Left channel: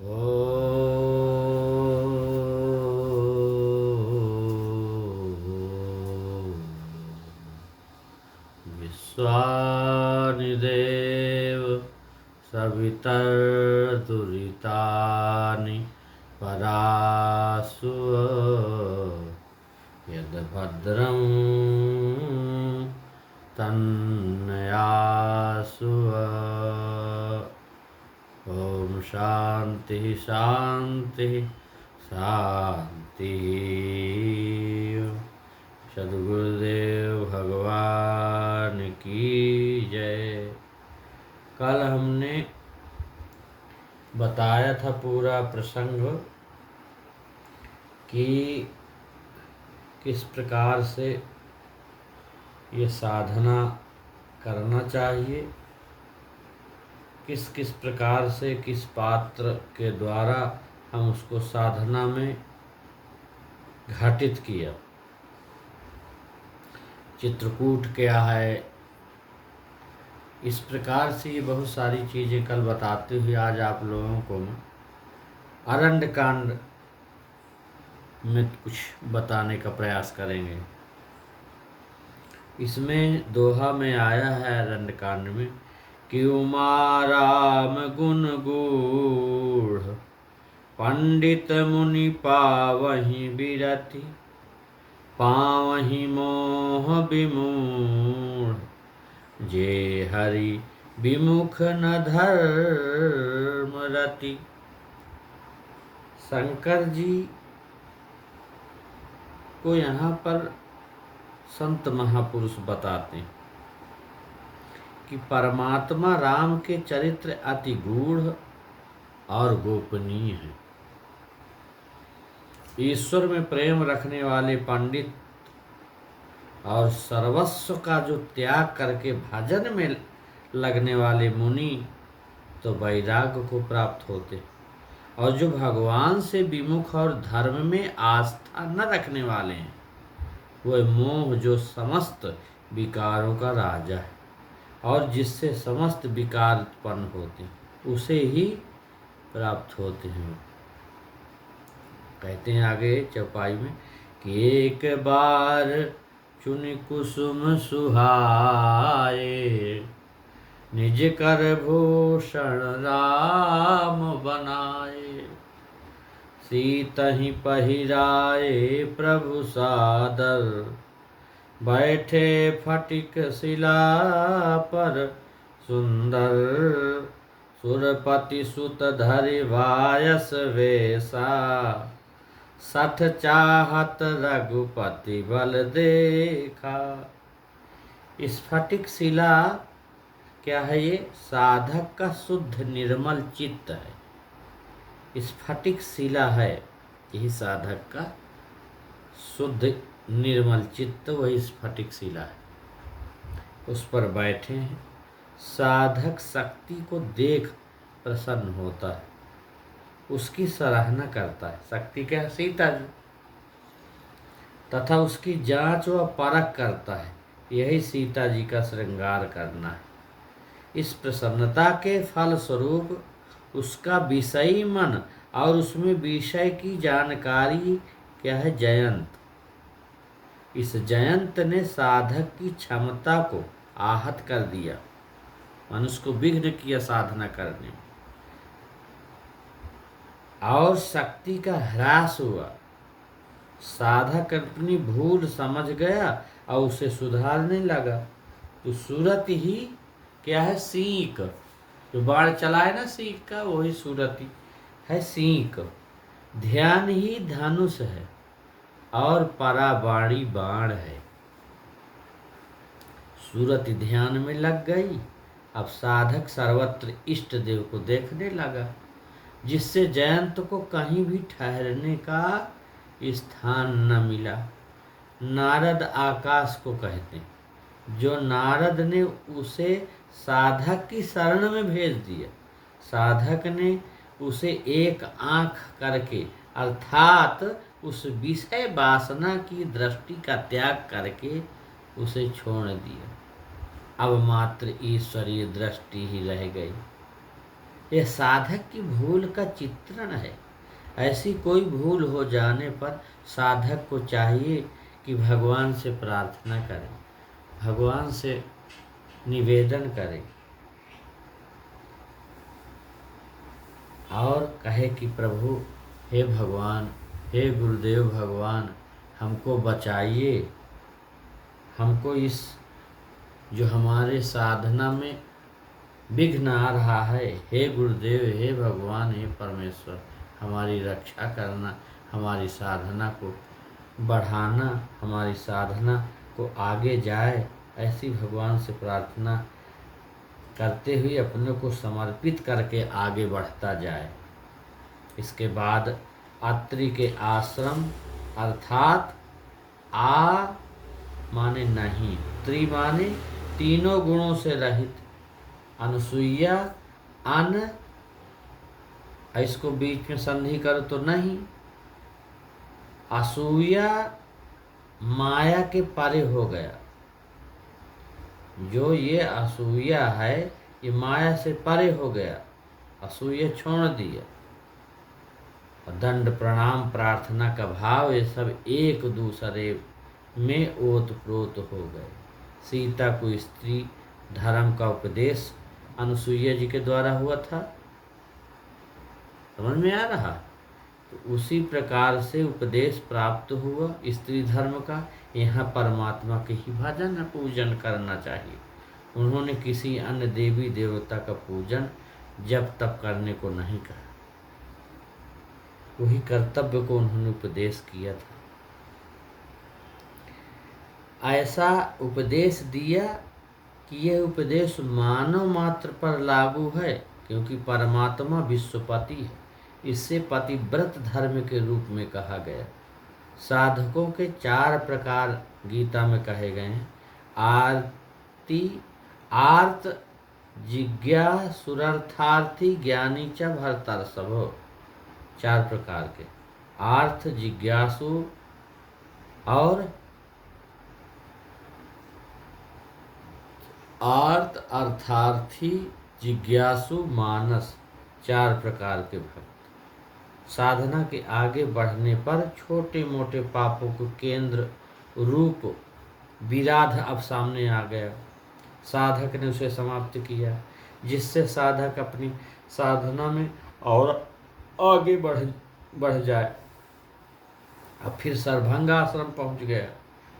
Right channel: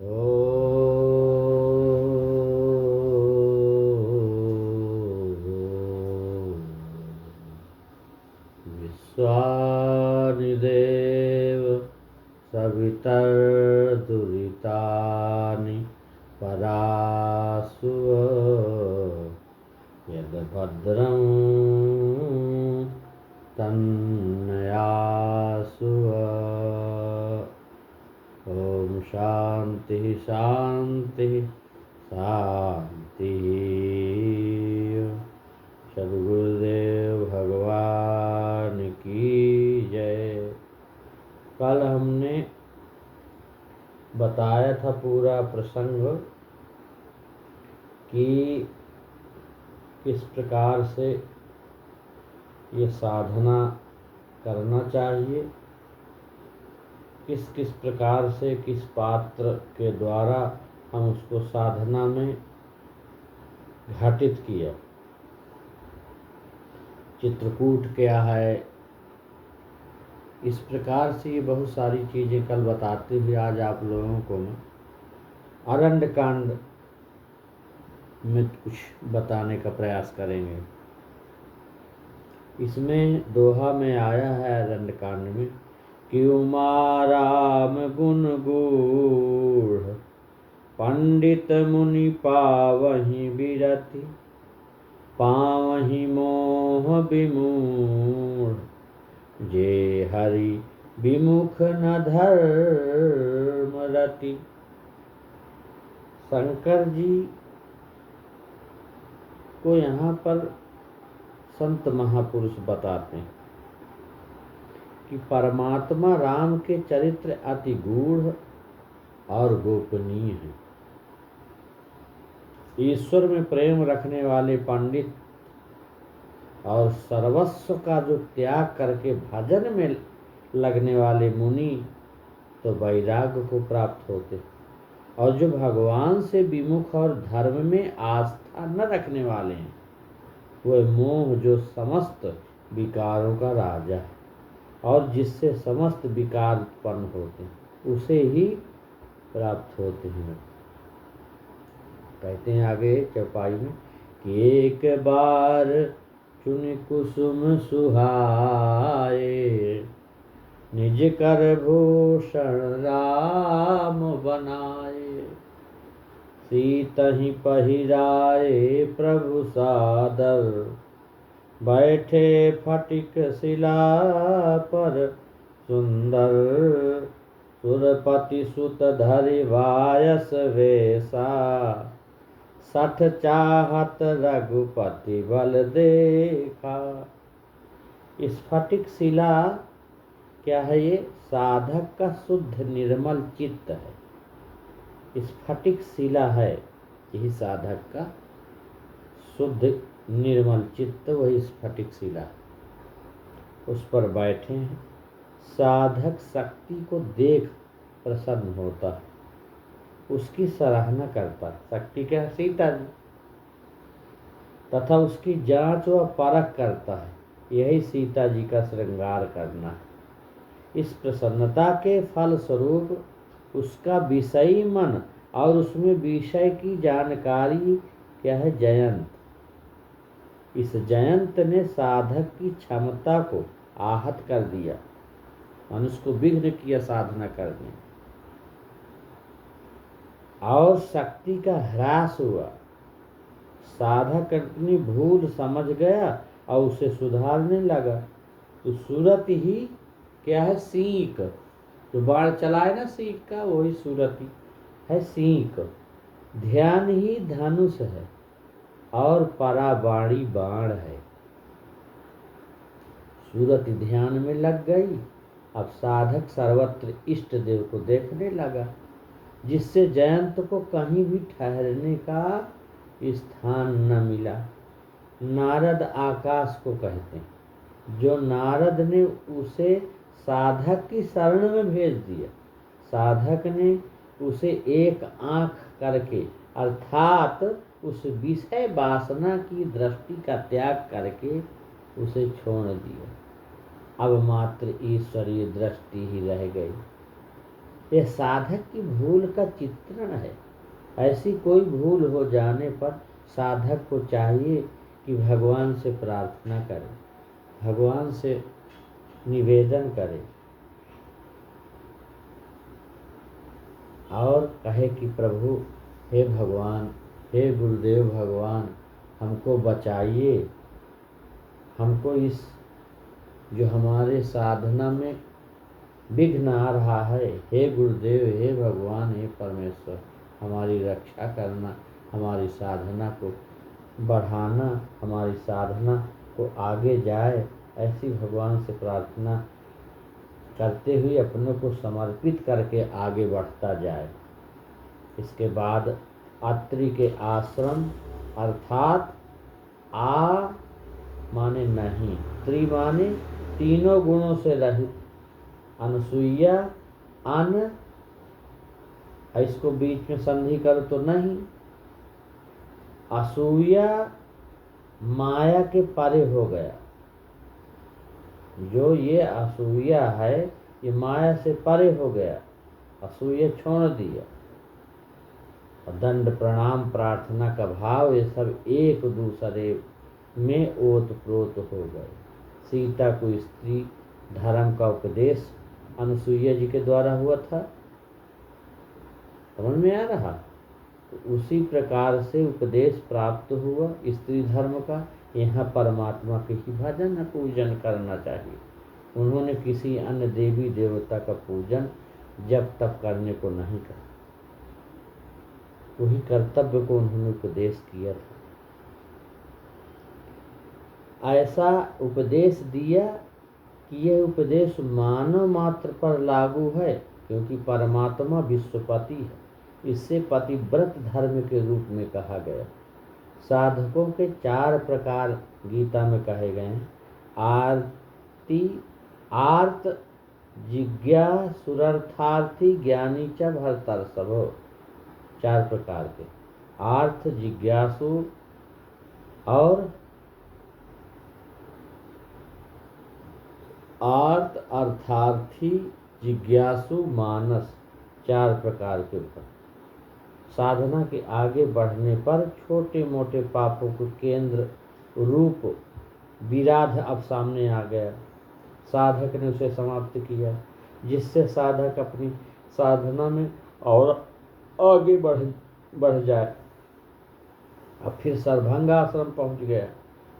विश्वानि देव सवितर्दुरितानि परासुव यद्भद्रं तन्नयासुव। ओम शांति शांति शांति। सद्गुरुदेव भगवान की जय। कल हमने बताया था पूरा प्रसंग कि किस प्रकार से ये साधना करना चाहिए, किस किस प्रकार से किस पात्र के द्वारा हम उसको साधना में घटित किया। चित्रकूट क्या है, इस प्रकार से ये बहुत सारी चीज़ें कल बताते हुए आज आप लोगों को अरण्य कांड में कुछ बताने का प्रयास करेंगे। इसमें दोहा में आया है अरण्य कांड में कि उमाराम गुण गूढ़ पंडित मुनि पावहि बिरति पावहि मोह विमूढ़ जे हरि विमुख न धर्म रति। शंकर जी को यहाँ पर संत महापुरुष बताते हैं कि परमात्मा राम के चरित्र अति गूढ़ और गोपनीय है। ईश्वर में प्रेम रखने वाले पंडित और सर्वस्व का जो त्याग करके भजन में लगने वाले मुनि तो वैराग्य को प्राप्त होते, और जो भगवान से विमुख और धर्म में आस्था न रखने वाले हैं वह मोह जो समस्त विकारों का राजा है और जिससे समस्त विकार उत्पन्न होते हैं उसे ही प्राप्त होते हैं। कहते हैं आगे चौपाई में कि एक बार चुनि कुसुम सुहाए निज कर भूषण राम बनाए सीतहि पहिराए प्रभु सादर बैठे फटिक शिला पर सुंदर सुरपति सुत धरि वायस वेसा सठ चाहत रघुपति बल देखा। स्फटिक शिला क्या है? ये साधक का शुद्ध निर्मल चित्त है। स्फटिक शिला है यही साधक का शुद्ध निर्मल चित्त, वही स्फटिक शिला है। उस पर बैठे हैं, साधक शक्ति को देख प्रसन्न होता है, उसकी सराहना करता है। शक्ति क्या है? सीता जी। तथा उसकी जांच व परख करता है, यही सीता जी का श्रृंगार करना है। इस प्रसन्नता के फल स्वरूप उसका विषयी मन और उसमें विषय की जानकारी क्या है? जयंत। इस जयंत ने साधक की क्षमता को आहत कर दिया, मनुष्य को विघ्न किया साधना करने, और शक्ति का ह्रास हुआ। साधक अपनी भूल समझ गया और उसे सुधारने लगा। तो सूरत ही क्या है? सीक। जो बाण चलाए ना सीक का, वही सूरत ही है सीक। ध्यान ही धनुष है और पराबाणी बाण है। सूरत ध्यान में लग गई। अब साधक सर्वत्र इष्ट देव को देखने लगा, जिससे जयंत को कहीं भी ठहरने का स्थान न मिला। नारद आकाश को कहते हैं। जो नारद ने उसे साधक की शरण में भेज दिया, साधक ने उसे एक आंख करके अर्थात उस विषय वासना की दृष्टि का त्याग करके उसे छोड़ दिया। अब मात्र ईश्वरीय दृष्टि ही रह गई। यह साधक की भूल का चित्रण है। ऐसी कोई भूल हो जाने पर साधक को चाहिए कि भगवान से प्रार्थना करे, भगवान से निवेदन करे और कहे कि प्रभु, हे भगवान, हे गुरुदेव भगवान, हमको बचाइए, हमको इस जो हमारे साधना में विघ्न आ रहा है, हे गुरुदेव, हे भगवान, हे परमेश्वर, हमारी रक्षा करना, हमारी साधना को बढ़ाना, हमारी साधना को आगे जाए, ऐसी भगवान से प्रार्थना करते हुए अपने को समर्पित करके आगे बढ़ता जाए। इसके बाद अत्रि के आश्रम अर्थात आ माने नहीं, त्रि माने तीनों गुणों से रहित, अनुसुईया अन, इसको बीच में संधि करो तो नहीं, असूया माया के परे हो गया। जो ये असूया है ये माया से परे हो गया, असूया छोड़ दिया। दंड प्रणाम प्रार्थना का भाव ये सब एक दूसरे में ओतप्रोत हो गए। सीता को स्त्री धर्म का उपदेश अनुसुईया जी के द्वारा हुआ था, समझ में आ रहा? तो उसी प्रकार से उपदेश प्राप्त हुआ स्त्री धर्म का। यहाँ परमात्मा के ही भजन पूजन करना चाहिए। उन्होंने किसी अन्य देवी देवता का पूजन जब तब करने को नहीं कहा, वही कर्तव्य को उन्होंने उपदेश किया था। ऐसा उपदेश दिया कि यह उपदेश मानव मात्र पर लागू है, क्योंकि परमात्मा विश्वपति है। इससे पतिव्रत धर्म के रूप में कहा गया। साधकों के 4 प्रकार गीता में कहे गए हैं। आर्त जिज्ञासुरर्थार्थी ज्ञानी च भरतर्षभो। 4 प्रकार के, आर्थ, जिज्ञासु और आर्त, अर्थार्थी, जिज्ञासु, मानस, 4 प्रकार के भक्त। साधना के आगे बढ़ने पर छोटे मोटे पापों को केंद्र रूप विराध अब सामने आ गया। साधक ने उसे समाप्त किया, जिससे साधक अपनी साधना में और आगे बढ़ जाए। अब फिर सर्वभंग आश्रम पहुंच गया,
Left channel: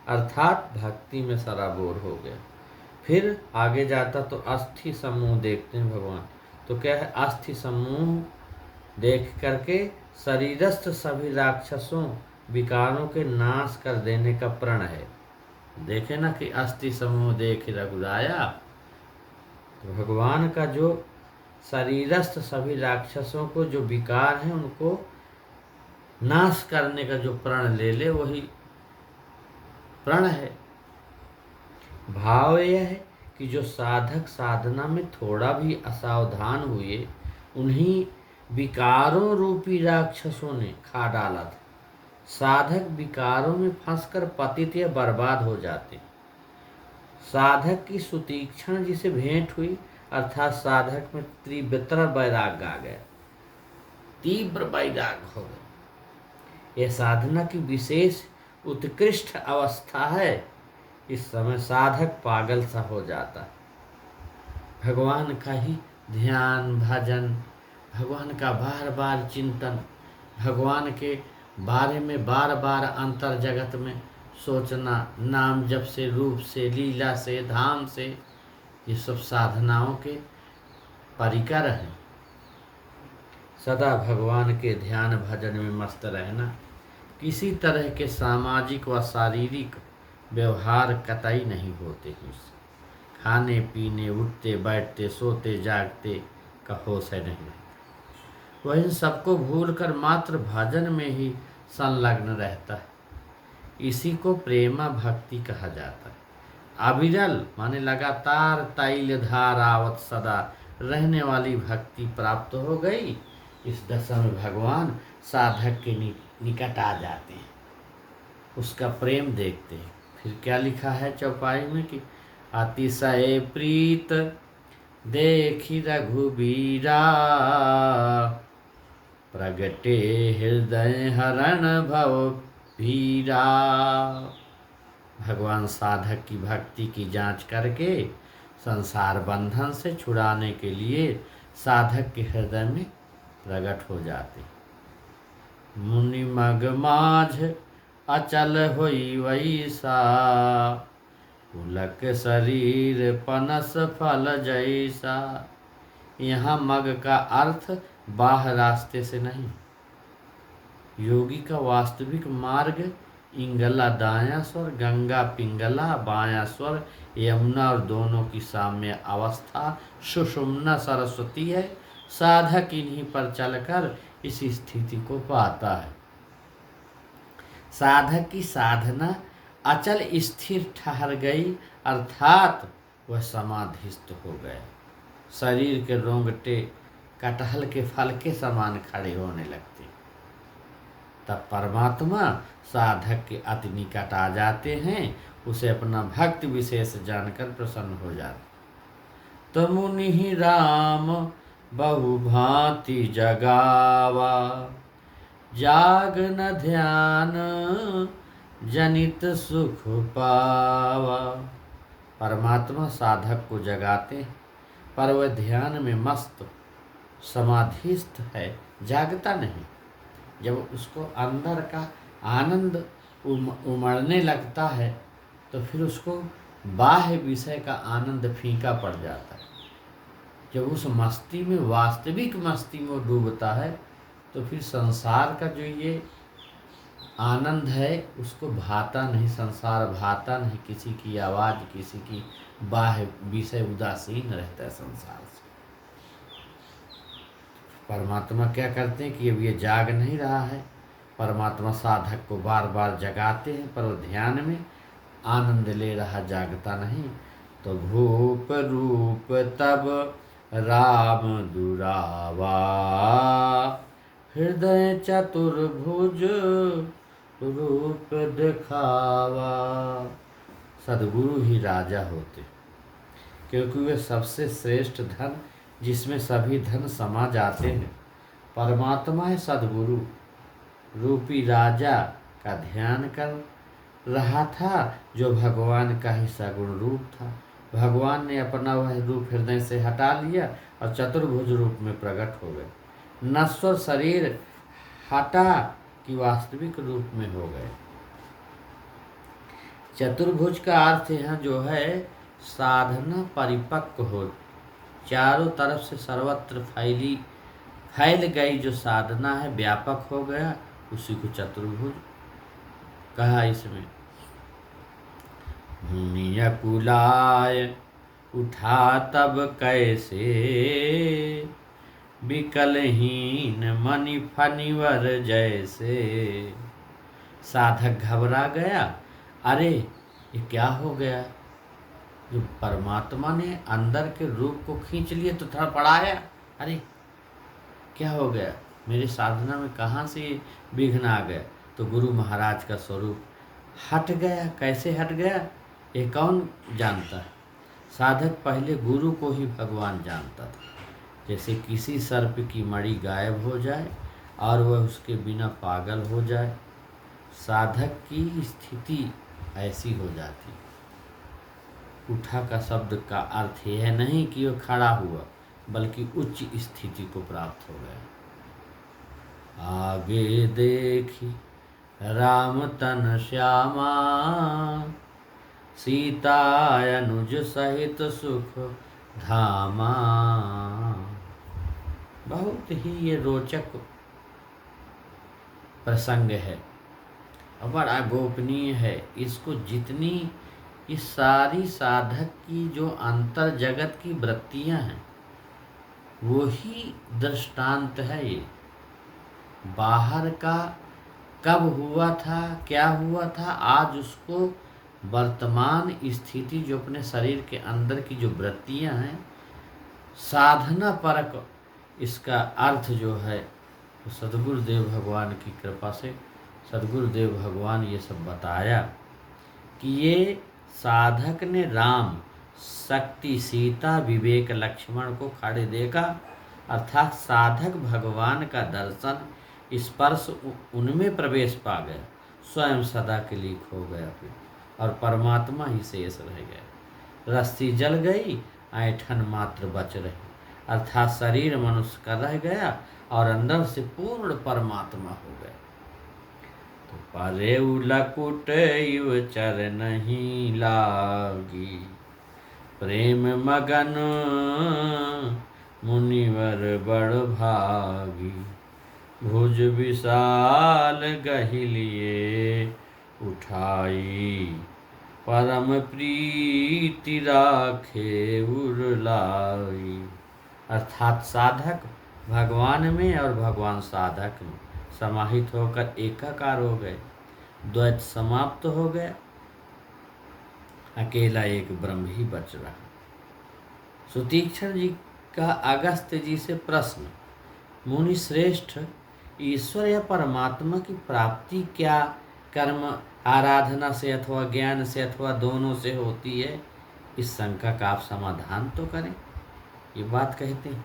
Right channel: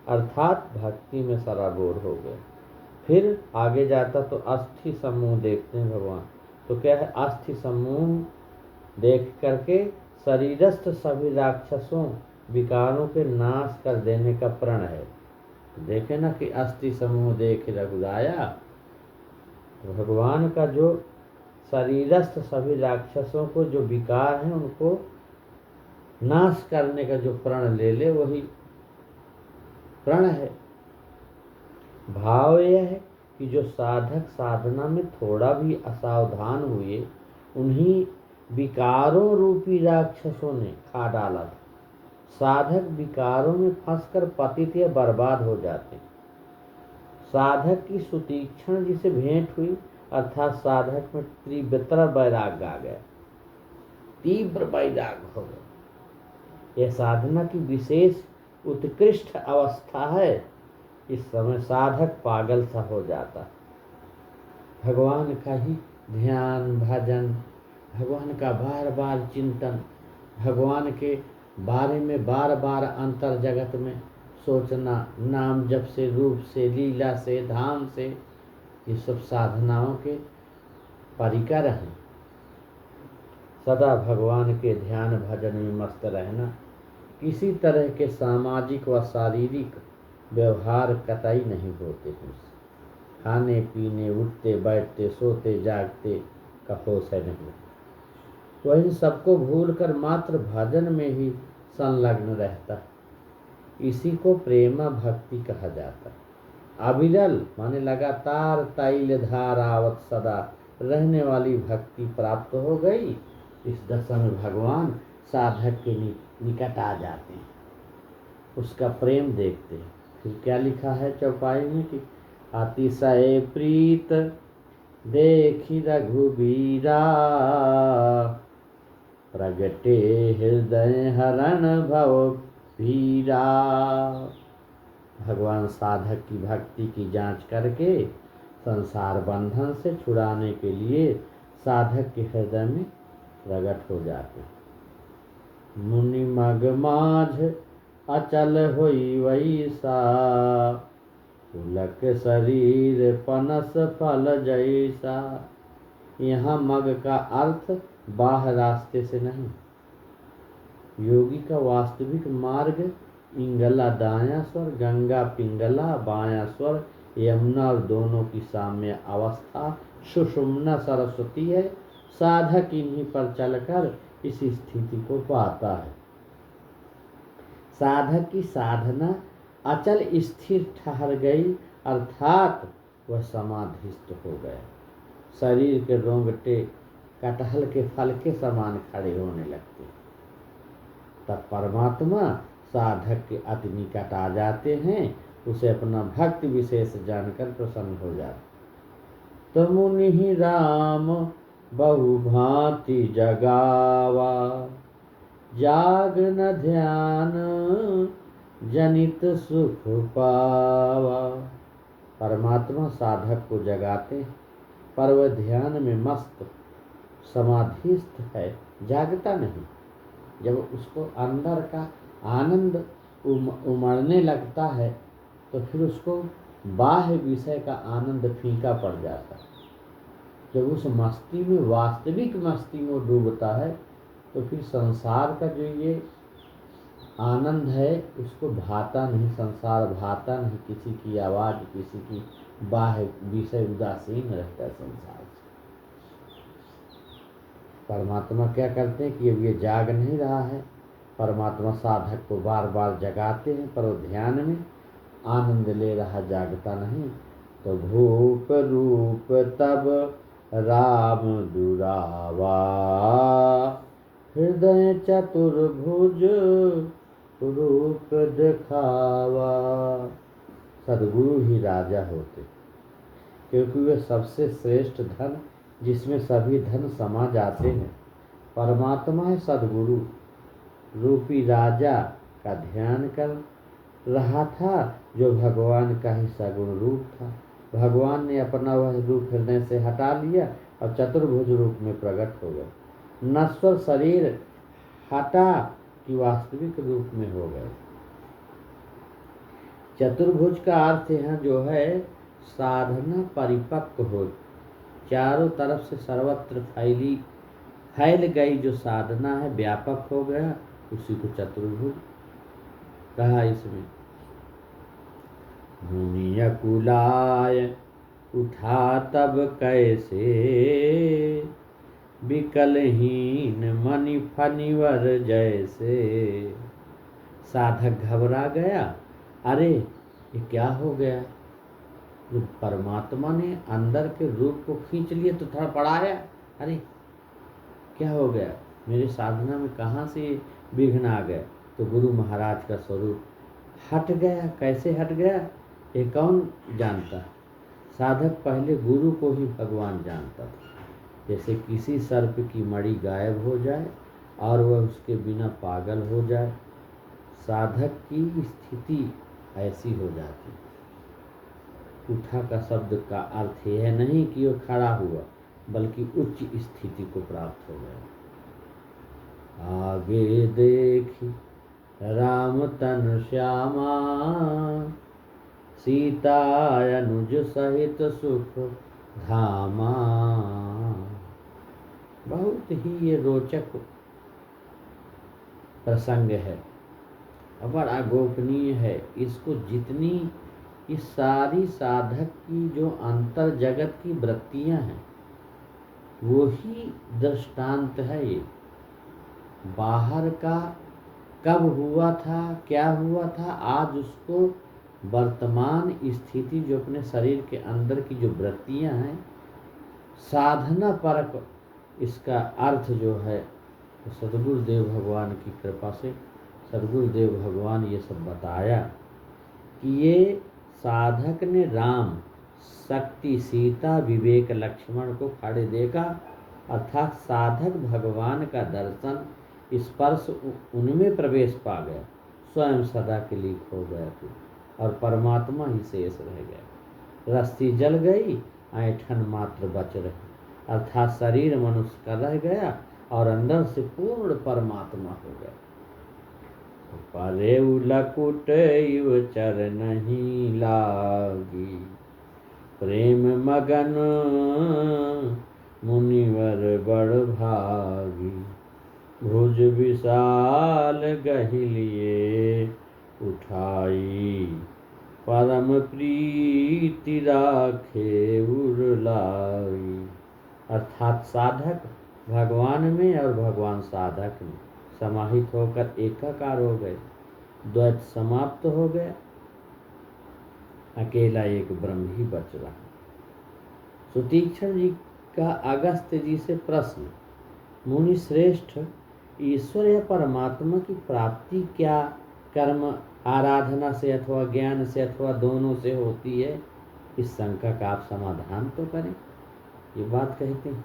अर्थात भक्ति में सराबोर हो गया। फिर आगे जाता तो अस्थि समूह देखते हैं भगवान। तो क्या है? अस्थि समूह देख करके शरीरस्थ सभी राक्षसों विकारों के नाश कर देने का प्रण है। देखे ना कि अस्थि समूह देख रघुराया। तो भगवान का जो शरीरस्थ सभी राक्षसों को जो विकार है उनको नाश करने का जो प्रण ले ले, वही प्रण है। भाव यह है कि जो साधक साधना में थोड़ा भी असावधान हुए, उन्हीं विकारों रूपी राक्षसों ने खा डाला था। साधक विकारों में फंसकर पतित या बर्बाद हो जाते। साधक की सुतीक्षण जिसे भेंट हुई, अर्थात साधक में तीव्र वैराग्य आ गया, तीव्र वैराग्य हो गया। यह साधना की विशेष उत्कृष्ट अवस्था है। इस समय साधक पागल सा हो जाता है। भगवान का ही ध्यान, भजन, भगवान का बार बार चिंतन, भगवान के बारे में बार बार अंतर जगत में सोचना, नाम जप से, रूप से, लीला से, धाम से, ये सब साधनाओं के परिकर हैं। सदा भगवान के ध्यान भजन में मस्त रहना। किसी तरह के सामाजिक व शारीरिक व्यवहार कतई नहीं होते हैं। खाने पीने, उठते बैठते, सोते जागते का होश है नहीं। वह इन सबको भूलकर मात्र भजन में ही संलग्न रहता है। इसी को प्रेमा भक्ति कहा जाता है। अविरल माने लगातार तैल धारावत सदा रहने वाली भक्ति प्राप्त हो गई। इस दशा में भगवान साधक के निकट आ जाते हैं, उसका प्रेम देखते हैं। फिर क्या लिखा है चौपाई में कि अतिशय प्रीत देखी रघुबीरा, प्रगटे हृदय हरण भव भीरा। भगवान साधक की भक्ति की जांच करके संसार बंधन से छुड़ाने के लिए साधक के हृदय में प्रकट हो जाते। मुनि मग माझ अचल होई वैसा, पुलक शरीर पनस फल जैसा। यहाँ मग का अर्थ बाह्य रास्ते से नहीं, योगी का वास्तविक मार्ग इंगला दायां स्वर, गंगा पिंगला बायां स्वर, यमुना और दोनों की साम्य अवस्था सुषुम्ना सरस्वती है। साधक इन्हीं पर चलकर इस स्थिति को पाता है। साधक की साधना अचल स्थिर ठहर गई, अर्थात वह समाधिस्थ हो गया। शरीर के रोंगटे कटहल के फल के समान खड़े होने लगते। तब परमात्मा साधक के अति निकट आ जाते हैं, उसे अपना भक्त विशेष जानकर प्रसन्न हो जाते। तो मुनि राम बहुभांति जगावा, जाग न ध्यान जनित सुख पावा। परमात्मा साधक को जगाते हैं, पर वह ध्यान में मस्त समाधिस्थ है, जागता नहीं। जब उसको अंदर का आनंद उमड़ने लगता है तो फिर उसको बाह्य विषय का आनंद फीका पड़ जाता है। जब उस मस्ती में, वास्तविक मस्ती में वो डूबता है तो फिर संसार का जो ये आनंद है उसको भाता नहीं, संसार भाता नहीं, किसी की आवाज़, किसी की बाह्य विषय उदासीन रहता है संसार से। परमात्मा क्या करते हैं कि अब ये जाग नहीं रहा है, परमात्मा साधक को बार बार जगाते हैं, पर वो ध्यान में आनंद ले रहा, जागता नहीं। तो भूप रूप तब राम दुरावा, हृदय चतुर्भुज रूप दिखावा। सद्गुरु ही राजा होते, क्योंकि वे सबसे श्रेष्ठ धन, जिसमें सभी धन समा जाते हैं। परमात्मा है सद्गुरु रूपी राजा का ध्यान कर रहा था, जो भगवान का ही सगुण रूप था। भगवान ने अपना वह रूप हृदय से हटा लिया और चतुर्भुज रूप में प्रकट हो गए। नश्वर शरीर हटा कि वास्तविक रूप में हो गए। चतुर्भुज का अर्थ यहाँ जो है साधना परिपक्व हो, चारों तरफ से सर्वत्र फैल गई जो साधना है, व्यापक हो गया, उसी को चतुर्भुज कहा। इसमें मुनि अकुलाय उठा तब कैसे, विकलहीन मणि फनिवर जैसे। साधक घबरा गया, अरे ये क्या हो गया। जो परमात्मा ने अंदर के रूप को खींच लिए तो थोड़ा पड़ाया, अरे क्या हो गया, मेरे साधना में कहाँ से विघ्न आ गया। तो गुरु महाराज का स्वरूप हट गया। कैसे हट गया ये कौन जानता है। साधक पहले गुरु को ही भगवान जानता था। जैसे किसी सर्प की मणि गायब हो जाए और वह उसके बिना पागल हो जाए, साधक की स्थिति ऐसी हो जाती। उठा का शब्द का अर्थ यह नहीं कि वह खड़ा हुआ, बल्कि उच्च स्थिति को प्राप्त हो गया। आगे देखी राम तन श्यामा, सीता अनुज सहित सुख धामा। बहुत ही ये रोचक प्रसंग है और बड़ा गोपनीय है। इसको जितनी इस सारी साधक की जो अंतर जगत की वृत्तियां हैं वो ही दृष्टांत है। ये बाहर का कब हुआ था, क्या हुआ था, आज उसको वर्तमान स्थिति जो अपने शरीर के अंदर की जो वृत्तियां हैं, साधना परक इसका अर्थ जो है तो सद्गुरुदेव भगवान की कृपा से सद्गुरुदेव भगवान ये सब बताया कि ये साधक ने राम शक्ति सीता विवेक लक्ष्मण को खड़े देखा, अर्थात साधक भगवान का दर्शन स्पर्श उनमें प्रवेश पा गया, स्वयं सदा के लिए खो गया फिर, और परमात्मा ही शेष रह गया। रस्सी जल गई, ऐंठन मात्र बच रही, अर्थात शरीर मनुष्य का रह गया और अंदर से पूर्ण परमात्मा हो गया। तो परे लकुट युव चर नहीं लागी, प्रेम मगन मुनिवर बड़ भागी, भुज विशाल गहिलिए उठाई, परम प्रीति राखे उरलाई। अर्थात साधक भगवान में और भगवान साधक में समाहित होकर एकाकार हो गए, द्वैत समाप्त हो गया, अकेला एक ब्रह्म ही बच रहा। सुतीक्षण जी का अगस्त्य जी से प्रश्न, मुनि श्रेष्ठ, ईश्वर या परमात्मा की प्राप्ति क्या कर्म आराधना से अथवा ज्ञान से अथवा दोनों से होती है? इस शंका का आप समाधान तो करें। ये बात कहते हैं।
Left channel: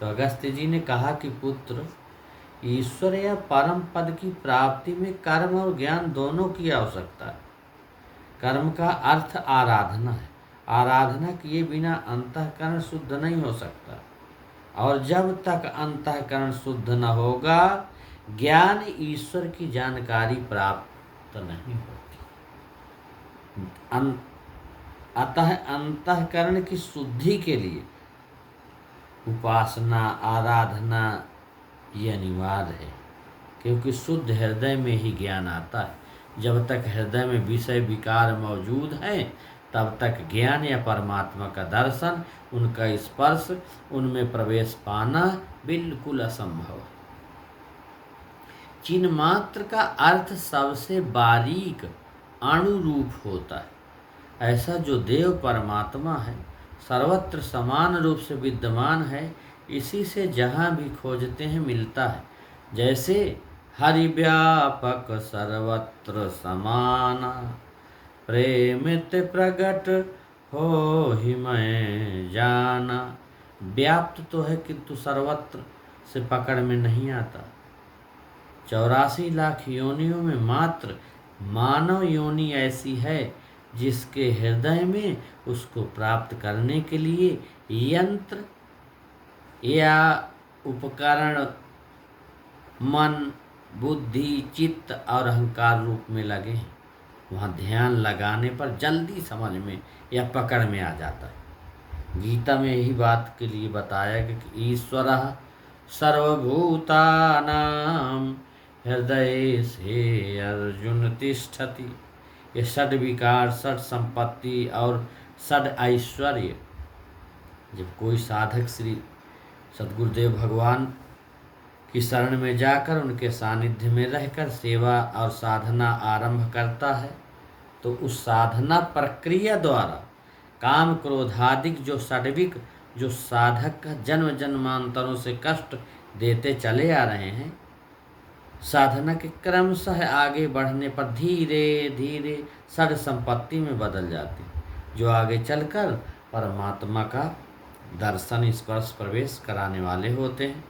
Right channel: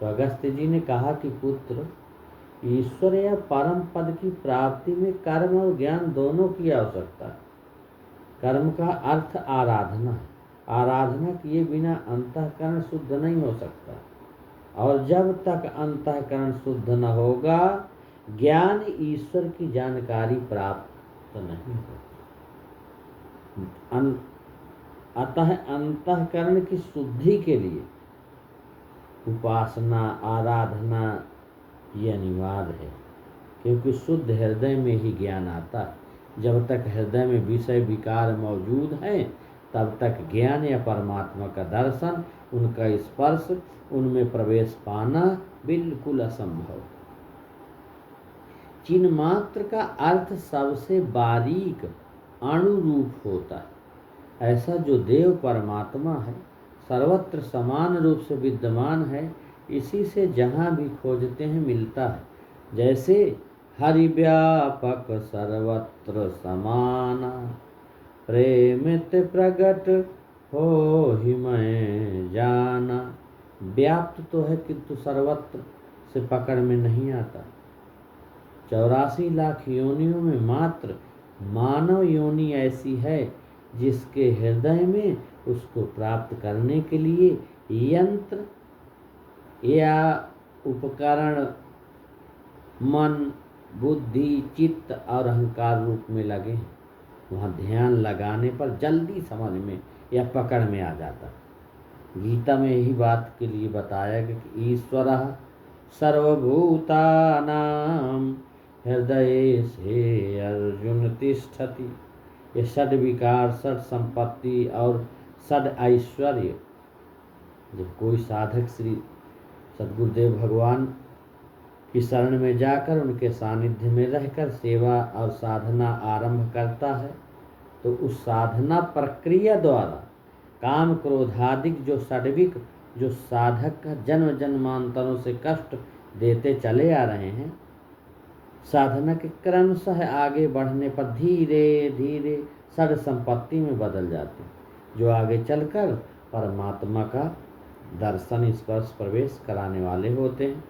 तो अगस्त्य जी ने कहा कि पुत्र, ईश्वर या परम पद की प्राप्ति में कर्म और ज्ञान दोनों की आवश्यकता है। कर्म का अर्थ आराधना है, आराधना किए बिना अंतःकरण शुद्ध नहीं हो सकता, और जब तक अंतःकरण शुद्ध न होगा ज्ञान ईश्वर की जानकारी प्राप्त नहीं होती। अतः अंतःकरण की शुद्धि के लिए उपासना आराधना ये अनिवार्य है, क्योंकि शुद्ध हृदय में ही ज्ञान आता है। जब तक हृदय में विषय विकार मौजूद हैं तब तक ज्ञान या परमात्मा का दर्शन, उनका स्पर्श, उनमें प्रवेश पाना बिल्कुल असंभव है। चिन्ह मात्र का अर्थ सबसे बारीक अणुरूप होता है। ऐसा जो देव परमात्मा है, सर्वत्र समान रूप से विद्यमान है, इसी से जहाँ भी खोजते हैं मिलता है। जैसे हरि व्यापक सर्वत्र समाना, प्रेमित प्रगट हो ही मैं जाना। व्याप्त तो है किंतु सर्वत्र से पकड़ में नहीं आता। 84 लाख योनियों में मात्र मानव योनि ऐसी है जिसके हृदय में उसको प्राप्त करने के लिए यंत्र या उपकरण मन बुद्धि चित्त और अहंकार रूप में लगे हैं। वहाँ ध्यान लगाने पर जल्दी समझ में या पकड़ में आ जाता है। गीता में यही बात के लिए बताया कि ईश्वरः सर्वभूतानां हृदय से अर्जुन तिष्ठति। ये षड विकार, षड संपत्ति और षड ऐश्वर्य, जब कोई साधक श्री सद्गुरुदेव भगवान की शरण में जाकर उनके सानिध्य में रहकर सेवा और साधना आरंभ करता है, तो उस साधना प्रक्रिया द्वारा काम क्रोधादिक जो षड्विक जो साधक का जन्म जन्मांतरों से कष्ट देते चले आ रहे हैं, साधना के क्रमशः आगे बढ़ने पर धीरे धीरे षड संपत्ति में बदल जाते, जो आगे चलकर परमात्मा का दर्शन स्पर्श प्रवेश कराने वाले होते हैं।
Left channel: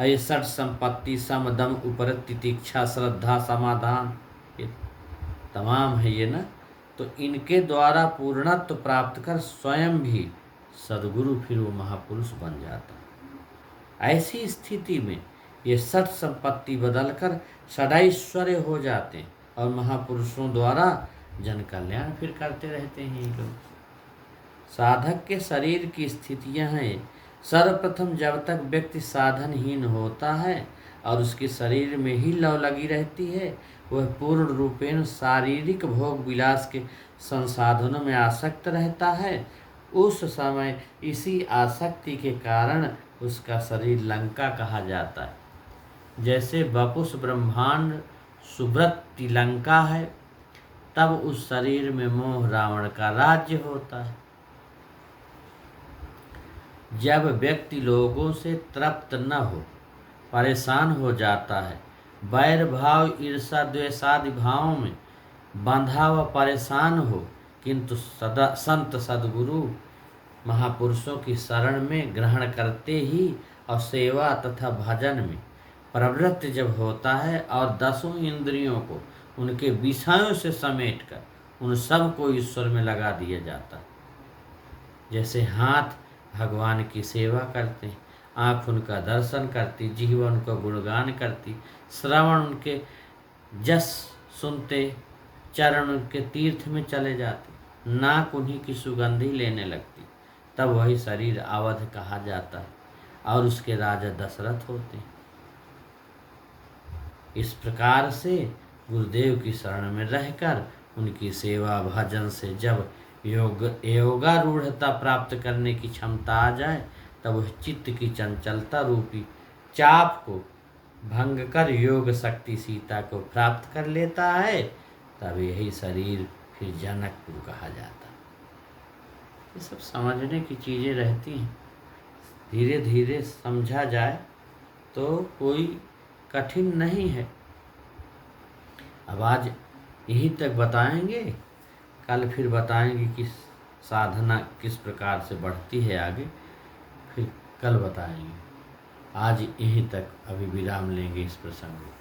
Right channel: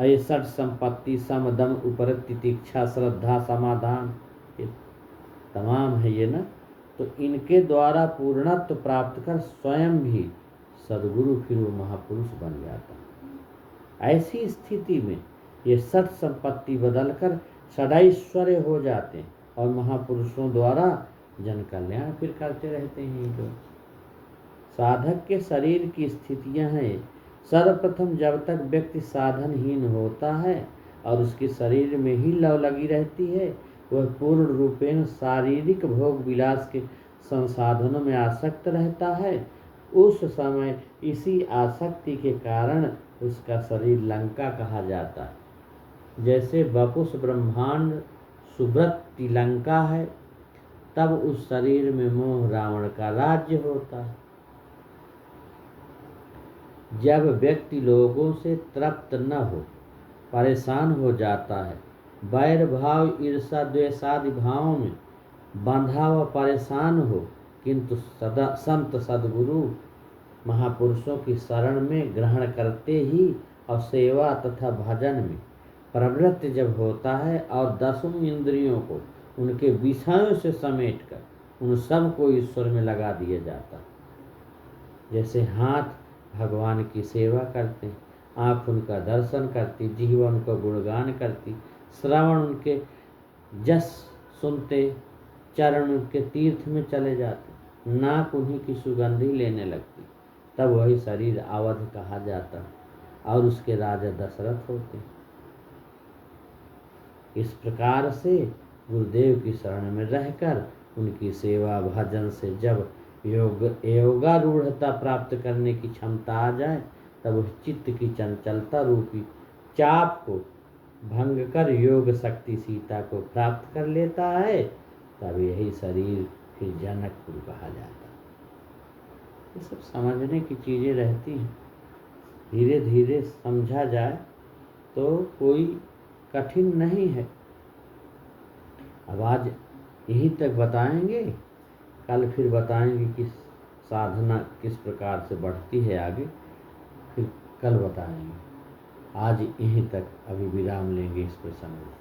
ये षड संपत्ति सम दम उपरत तितिक्षा श्रद्धा समाधान ये तमाम है ये ना, तो इनके द्वारा पूर्णत्व प्राप्त कर स्वयं भी सद्गुरु फिर वो महापुरुष बन जाता है। ऐसी स्थिति में ये षड संपत्ति बदलकर षडैश्वर्य हो जाते हैं और महापुरुषों द्वारा जन कल्याण फिर करते रहते हैं ये लोग। साधक के शरीर की स्थितियां हैं। सर्वप्रथम जब तक व्यक्ति साधनहीन होता है और उसके शरीर में ही लौ लगी रहती है, वह पूर्ण रूपेण शारीरिक भोग विलास के संसाधनों में आसक्त रहता है। उस समय इसी आसक्ति के कारण उसका शरीर लंका कहा जाता है। जैसे वपुष ब्रह्मांड सुब्रत लंका है, तब उस शरीर में मोह रावण का राज्य होता है। जब व्यक्ति लोगों से तृप्त न हो, परेशान हो जाता है, वैर भाव ईर्षा द्वेषादि भावों में बंधा व परेशान हो, किंतु सदा संत सद्गुरु महापुरुषों की शरण में ग्रहण करते ही और सेवा तथा भजन में प्रवृत्त जब होता है और दसों इंद्रियों को उनके विषयों से समेटकर उन सब को ईश्वर में लगा दिया जाता है। जैसे हाथ भगवान की सेवा करते, आँख उनका दर्शन करती, जिह्वा उनका गुणगान करती, श्रवण उनके जस सुनते, चरण उनके तीर्थ में चले जाते, नाक उन्हीं की सुगंधी लेने लगती, तब वही शरीर अवध कहा जाता है और उसके राजा दशरथ होते। इस प्रकार से गुरुदेव की शरण में रहकर उनकी सेवा भजन से जब योगारूढ़ता प्राप्त करने की क्षमता आ जाए, तब वह चित्त की चंचलता रूपी चाप को भंग कर योग शक्ति सीता को प्राप्त कर लेता है। तब यही शरीर फिर जनकपुर कहा जाता है। ये सब समझने की चीज़ें रहती हैं, धीरे धीरे समझा जाए तो कोई कठिन नहीं है। अब आज यहीं तक बताएंगे, कल फिर बताएंगे कि साधना किस प्रकार से बढ़ती है आगे, फिर कल बताएंगे। आज यहीं तक अभी विराम लेंगे इस प्रसंग में।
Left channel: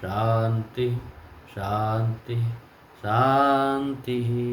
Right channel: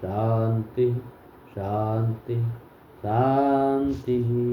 शांति शांति शांति।